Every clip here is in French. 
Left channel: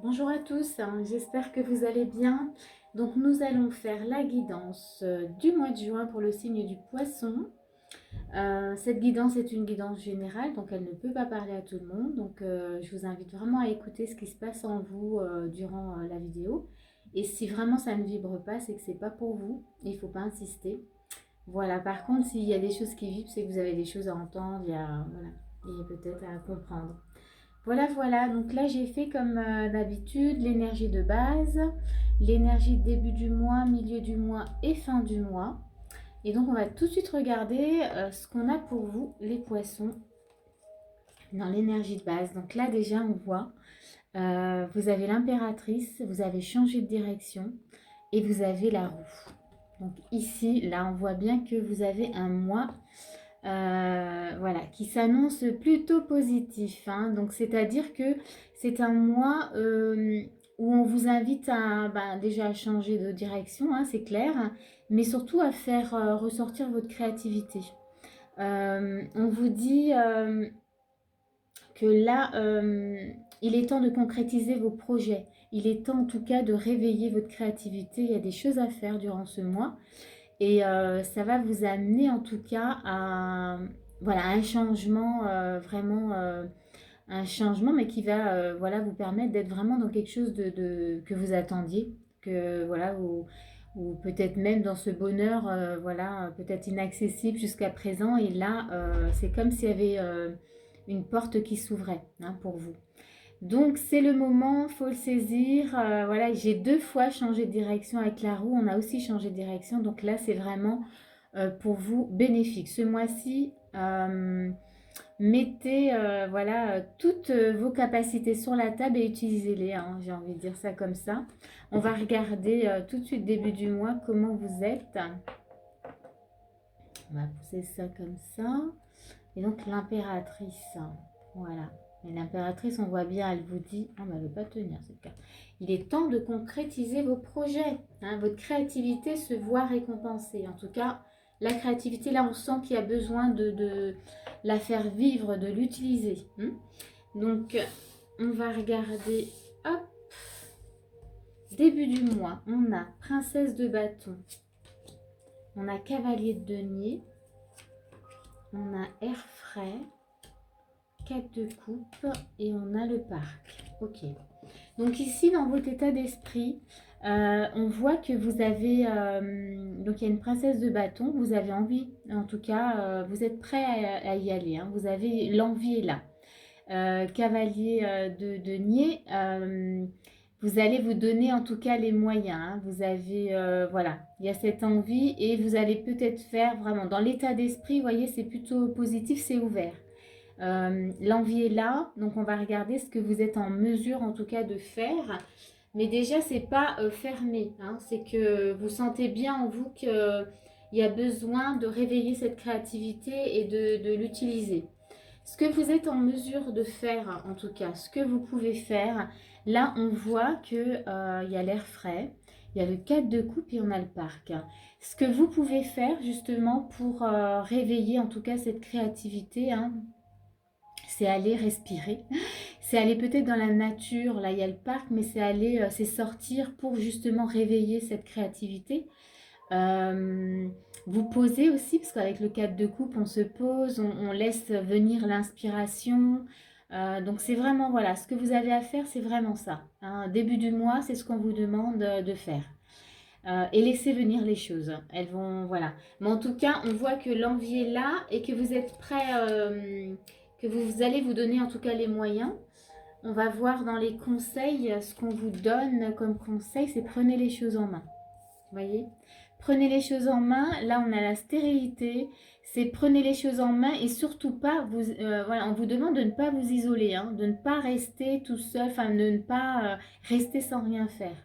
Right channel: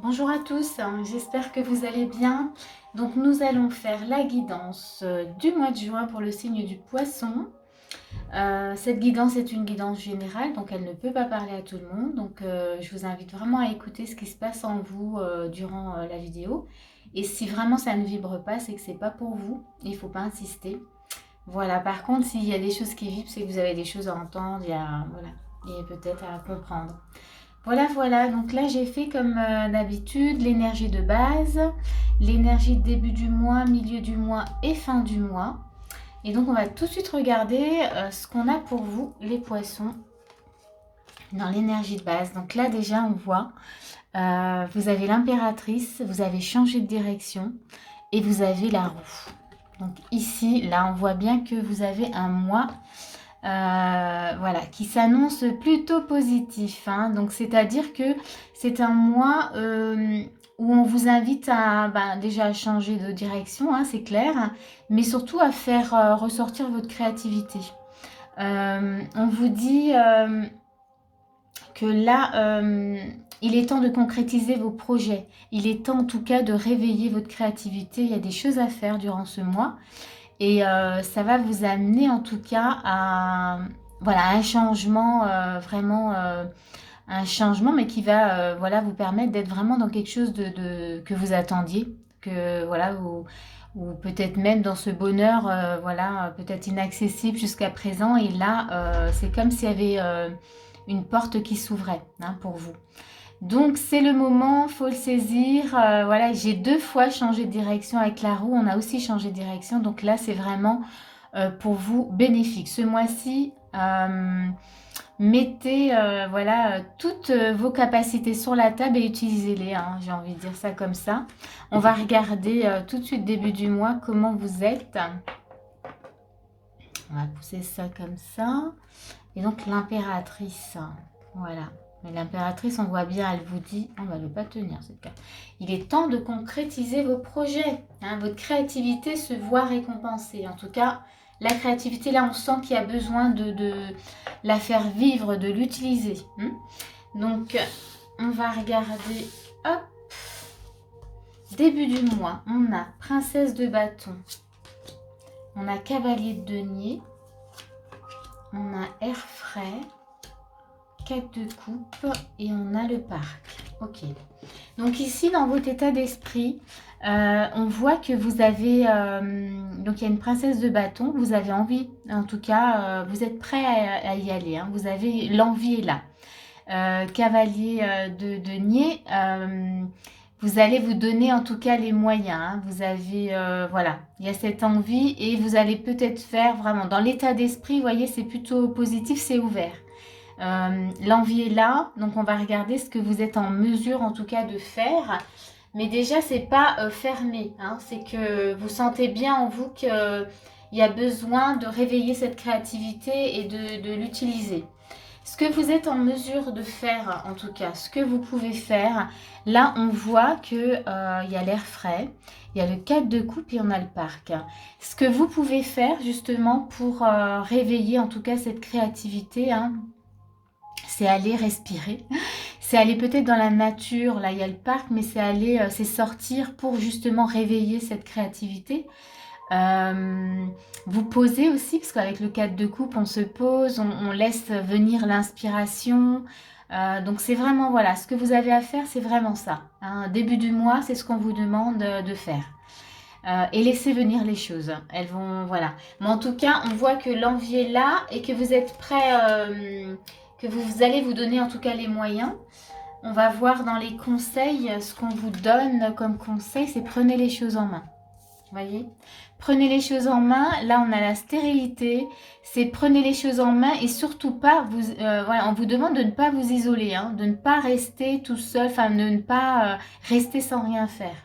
Bonjour à tous, j'espère que vous allez bien. Donc nous allons faire la guidance du mois de juin pour le signe du poisson. Cette guidance est une guidance générale, donc elle ne peut pas parler à tout le monde. Donc je vous invite vraiment à écouter ce qui se passe en vous durant la vidéo. Et si vraiment ça ne vibre pas, c'est que c'est pas pour vous. Il ne faut pas insister. Voilà, par contre, s'il y a des choses qui vibrent, c'est que vous avez des choses à entendre, voilà, et peut-être à comprendre. Voilà, voilà. Donc là, j'ai fait comme d'habitude l'énergie de base, l'énergie de début du mois, milieu du mois et fin du mois. Et donc, on va tout de suite regarder ce qu'on a pour vous, les poissons, dans l'énergie de base. Donc là, déjà, on voit, vous avez l'impératrice, vous avez changé de direction et vous avez la roue. Donc ici, là, on voit bien que vous avez un mois voilà, qui s'annonce plutôt positif, hein. Donc, c'est-à-dire que c'est un mois où on vous invite à déjà à changer de direction, hein, c'est clair, mais surtout à faire ressortir votre créativité. On vous dit que là, il est temps de concrétiser vos projets. Il est temps en tout cas de réveiller votre créativité. Il y a des choses à faire durant ce mois. Et ça va vous amener en tout cas à voilà, un changement, vraiment un changement, mais qui va voilà, vous permettre d'être vraiment dans quelque chose que vous attendiez, que, voilà, ou peut-être même dans ce bonheur voilà, peut-être inaccessible jusqu'à présent. Et là, c'est comme s'il y avait une porte qui s'ouvrait, hein, pour vous. Donc c'est le moment, faut le saisir. Voilà, j'ai 2 fois changé de direction avec la roue. On a aussi changé de direction. Donc là, c'est vraiment pour vous bénéfique. Ce mois-ci, mettez voilà, toutes vos capacités sur la table et utilisez-les, hein, j'ai envie de dire ça comme ça. On va regarder tout de suite début du mois comment vous êtes. On va pousser ça comme ça. Et donc l'impératrice, voilà. Mais l'impératrice, on voit bien, elle vous dit, on va ne pas tenir cette carte. Il est temps de concrétiser vos projets, hein. Votre créativité se voit récompensée. En tout cas, la créativité, là, on sent qu'il y a besoin de la faire vivre, de l'utiliser, hein. Donc, on va regarder, hop, début du mois, on a princesse de bâton, on a cavalier de denier, on a air frais, 4 de coupe et on a le parc. Ok. Donc ici, dans votre état d'esprit, on voit que vous avez... donc il y a une princesse de bâton. Vous avez envie, en tout cas, vous êtes prêt à y aller, hein. Vous avez l'envie est là. Cavalier de denier, vous allez vous donner en tout cas les moyens, hein. Vous avez, voilà, il y a cette envie et vous allez peut-être faire vraiment dans l'état d'esprit, vous voyez, c'est plutôt positif, c'est ouvert. L'envie est là, donc on va regarder ce que vous êtes en mesure en tout cas de faire. Mais déjà, c'est pas fermé, hein, c'est que vous sentez bien en vous qu'il y a besoin de réveiller cette créativité et de l'utiliser. Ce que vous êtes en mesure de faire, en tout cas, ce que vous pouvez faire, là, on voit qu'il y a l'air frais, il y a le 4 de coupe et on a le parc. Ce que vous pouvez faire, justement, pour réveiller, en tout cas, cette créativité, hein, c'est aller respirer, c'est aller peut-être dans la nature, là il y a le parc, mais c'est aller, c'est sortir pour justement réveiller cette créativité. Vous posez aussi, parce qu'avec le 4 de coupe, on se pose, on laisse venir l'inspiration. Donc c'est vraiment, voilà, ce que vous avez à faire, c'est vraiment ça, hein. Début du mois, c'est ce qu'on vous demande de faire. Et laissez venir les choses. Elles vont, voilà. Mais en tout cas, on voit que l'envie est là et que vous êtes prêt, que vous allez vous donner en tout cas les moyens. On va voir dans les conseils, ce qu'on vous donne comme conseil, c'est prenez les choses en main. Vous voyez, prenez les choses en main. Là, on a la stérilité. C'est prenez les choses en main et surtout pas, voilà, on vous demande de ne pas vous isoler, hein, de ne pas rester tout seul, enfin de ne pas rester sans rien faire.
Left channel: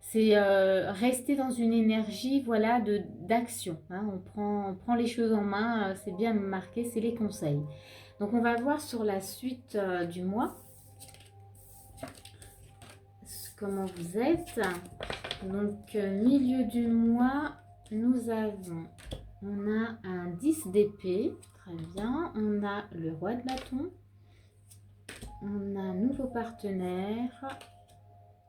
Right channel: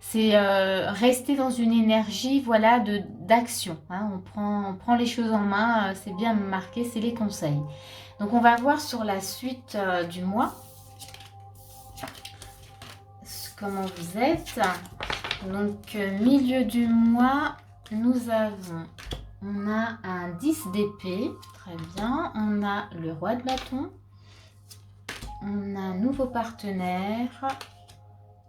C'est rester dans une énergie, voilà, d'action, hein. On prend les choses en main, c'est bien marqué, c'est les conseils. Donc on va voir sur la suite du mois comment vous êtes. Donc milieu du mois, nous avons, on a un 10 d'épée, très bien. On a le roi de bâton, On a un nouveau partenaire.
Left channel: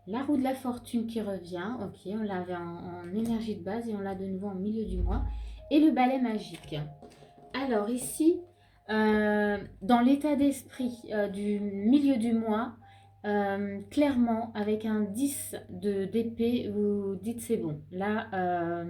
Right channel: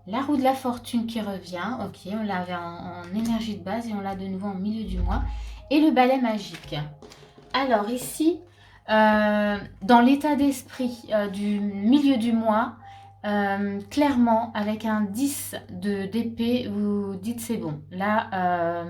La roue de la fortune qui revient. Ok, on l'avait en énergie de base et on l'a de nouveau en milieu du mois. Et le balai magique. Alors ici, dans l'état d'esprit du milieu du mois, clairement, avec un 10 d'épée, vous dites c'est bon. Là,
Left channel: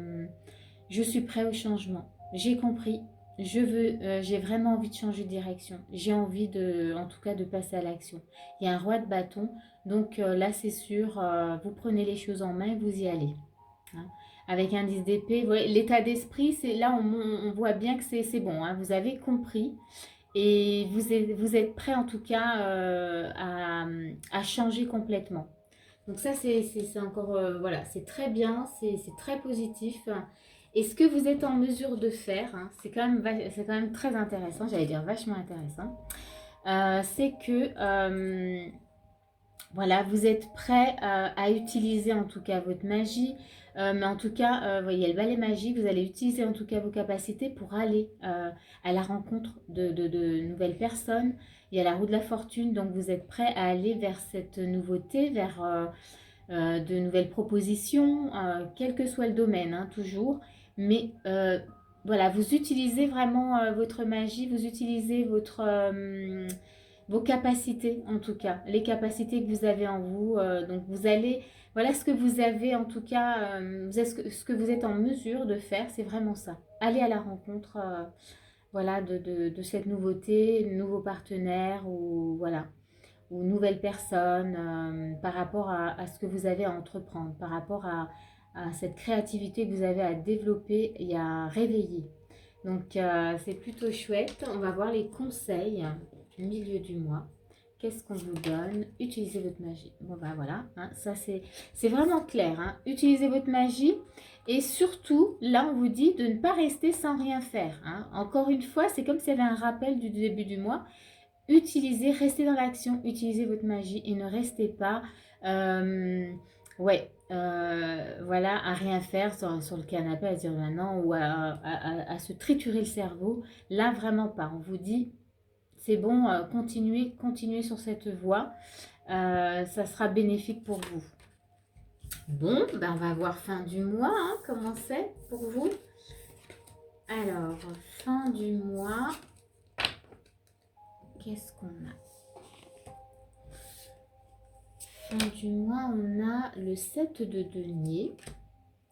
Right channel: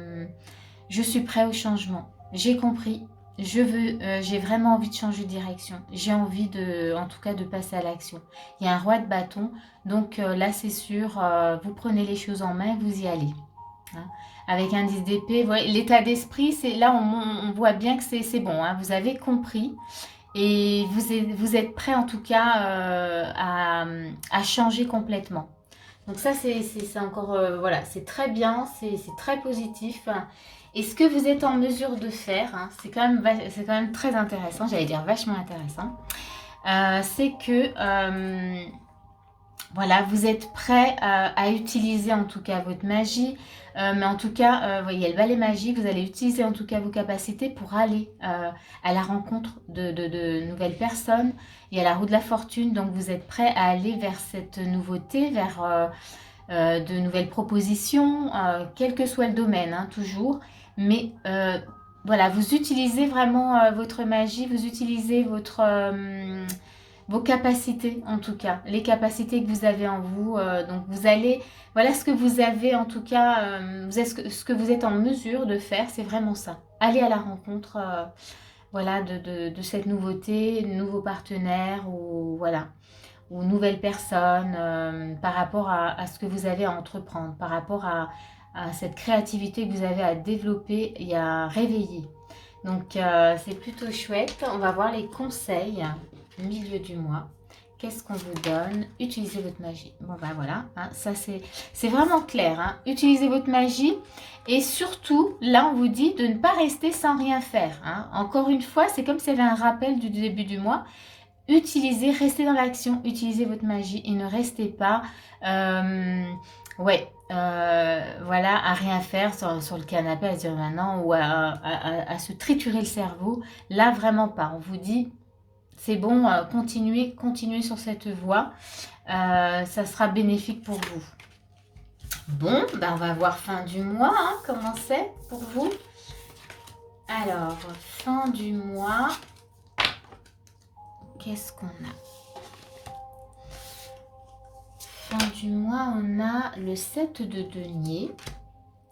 je suis prêt au changement. J'ai compris. J'ai vraiment envie de changer de direction. J'ai envie en tout cas, de passer à l'action. Il y a un roi de bâton. Donc là, c'est sûr, vous prenez les choses en main, vous y allez. Hein. Avec un 10 d'épée, l'état d'esprit, c'est là, on voit bien que c'est bon. Hein. Vous avez compris. Et vous êtes prêt en tout cas à changer complètement. Donc ça, c'est encore, voilà, c'est très bien, c'est très positif. Et ce que vous êtes en mesure de faire, hein, c'est quand même très intéressant, j'allais dire vachement intéressant, c'est que, voilà, vous êtes prêt à utiliser en tout cas votre magie, mais en tout cas, vous voyez, le balai magique, vous allez utiliser en tout cas vos capacités pour aller à la rencontre de nouvelles personnes. Il y a la roue de la fortune, donc vous êtes prêt à aller vers cette nouveauté, vers de nouvelles propositions, quel que soit le domaine, hein, toujours. Mais voilà, vous utilisez vraiment votre magie, vous utilisez vos capacités en tout cas, les capacités que vous avez en vous. Donc vous allez, voilà ce que vous avez en tout cas, ce que vous êtes en mesure de faire, c'est vraiment ça. Aller à la rencontre voilà, de cette nouveauté, nouveaux partenaires ou voilà, ou nouvelles personnes par rapport à ce que vous avez à entreprendre, par rapport à cette créativité que vous avez à développer et à réveiller. Donc c'est plutôt chouette. On va voir les conseils au milieu du mois. Qu'est-ce qu'on vous donne? Utilisez votre magie. Bon ben voilà, hein, ça c'est vraiment clair. Hein. Utilisez votre magie et surtout, là on vous dit de ne pas rester sans rien faire. Hein. Encore une fois, c'est comme s'il y avait un rappel du début du mois. Utilisez, restez dans l'action, utilisez votre magie et ne restez pas... voilà, à rien faire sur le canapé, à dire maintenant, ou à se triturer le cerveau. Là, vraiment pas. On vous dit, c'est bon, continuez sur cette voie. Ça sera bénéfique pour vous. Bon, ben on va voir fin du mois, hein, comment c'est pour vous. Alors, fin du mois, qu'est-ce qu'on a? Fin du mois, on a le 7 de denier.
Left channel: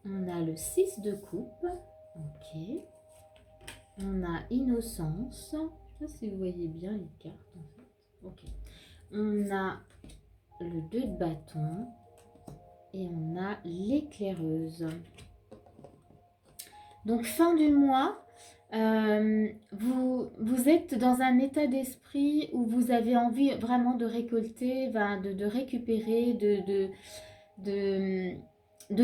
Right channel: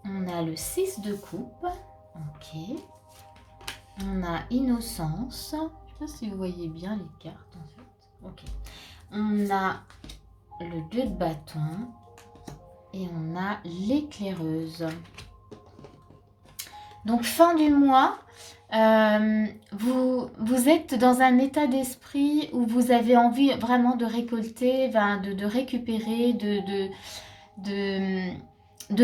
On a le 6 de coupe. Ok. On a innocence. Je ne sais pas si vous voyez bien les cartes en fait. Ok. On a le 2 de bâton. Et on a l'éclaireuse. Donc fin du mois, vous êtes dans un état d'esprit où vous avez envie vraiment de récolter, de récupérer, de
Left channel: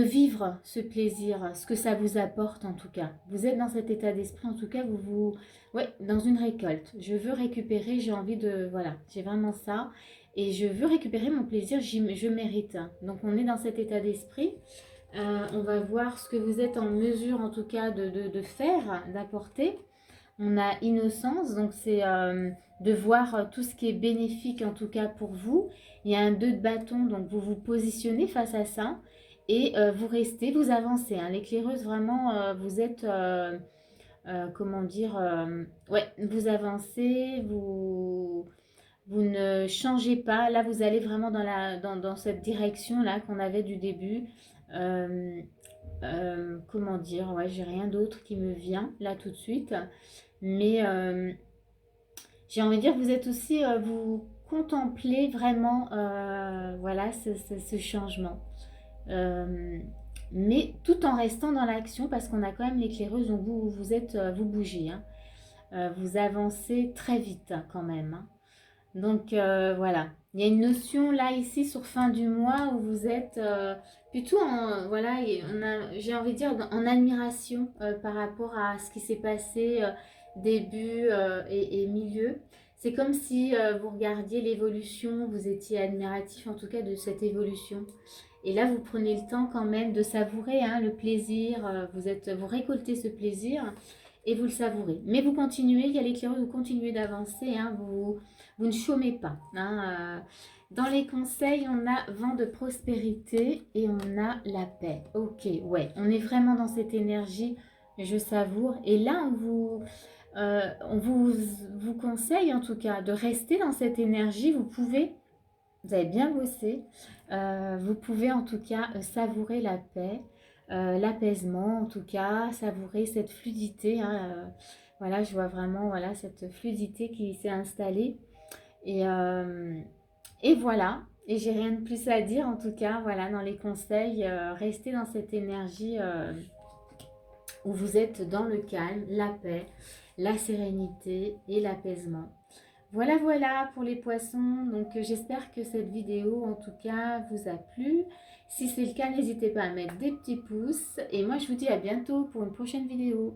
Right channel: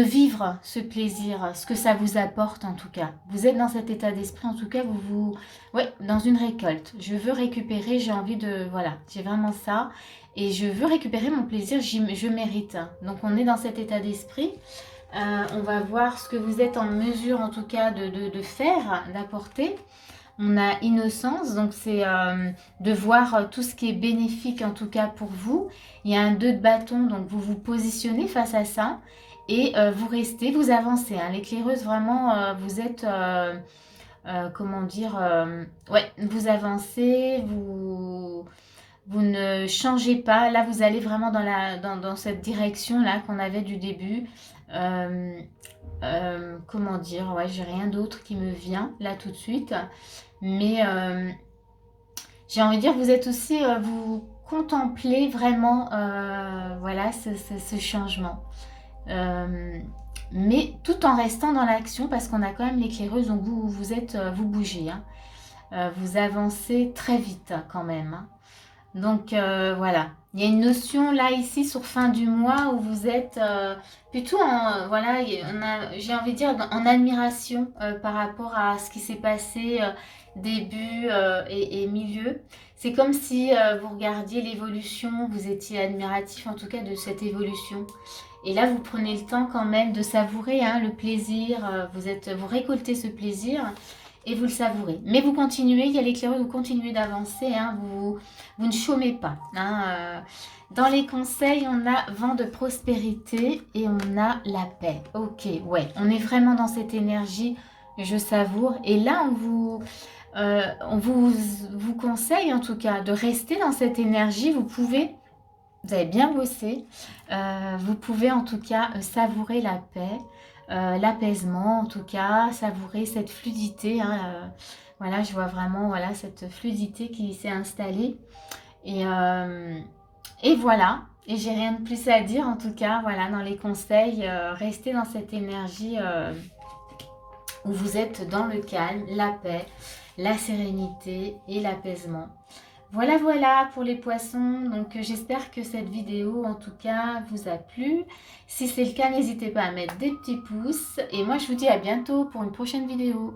vivre ce plaisir, ce que ça vous apporte en tout cas. Vous êtes dans cet état d'esprit, en tout cas, ouais, dans une récolte. Je veux récupérer, j'ai envie de... Voilà, j'ai vraiment ça. Et je veux récupérer mon plaisir, je mérite. Donc on est dans cet état d'esprit. On va voir ce que vous êtes en mesure en tout cas de faire, d'apporter. On a innocence, donc c'est de voir tout ce qui est bénéfique en tout cas pour vous. Il y a un 2 de bâton, donc vous vous positionnez face à ça et vous restez, vous avancez. Hein. L'éclaireuse, vraiment, vous êtes, comment dire, ouais, vous avancez, vous ne changez pas. Là, vous allez vraiment dans cette direction-là qu'on avait du début. Comment dire, ouais, j'ai rien d'autre qui me vient là tout de suite. Mais j'ai envie de dire, vous êtes aussi, vous contemplez vraiment voilà, ce changement. Mais tout en restant dans l'action parce qu'on a quand même l'éclaireuse, donc vous bougez. Hein. Vous avancez très vite quand même. Hein. Donc voilà, il y a une notion là ici sur fin du mois où vous êtes plutôt en, voilà, j'ai envie de dire en admiration par rapport à ce qui s'est passé début et milieu. C'est comme si vous regardiez l'évolution, vous étiez admiratif en tout cas de cette évolution. Et là, vous prenez le temps quand même de savourer hein, le plaisir, vous récoltez ce plaisir. et vous le savourez. Mais vous continuez, il y a l'éclaireur, vous continuez d'avancer, hein, vous ne chômez pas. Hein, dans les conseils, on a vent de prospérité et on a la paix. Ok, ouais, on est vraiment dans cette énergie, je savoure. Et là, on vous conseille en tout cas de rester dans cette énergie. Vous avez bien bossé, vous pouvez en tout cas savourer la paix, l'apaisement en tout cas, savourer cette fluidité. Hein, voilà, je vois vraiment voilà, cette fluidité qui s'est installée. Et, euh, et voilà, et j'ai rien de plus à dire en tout cas, voilà, dans les conseils, restez dans cette énergie où vous êtes dans le calme, la paix, la sérénité et l'apaisement. Voilà, voilà pour les poissons. Donc, j'espère que cette vidéo, en tout cas, vous a plu. Si c'est le cas, n'hésitez pas à mettre des petits pouces. Et moi, je vous dis à bientôt pour une prochaine vidéo.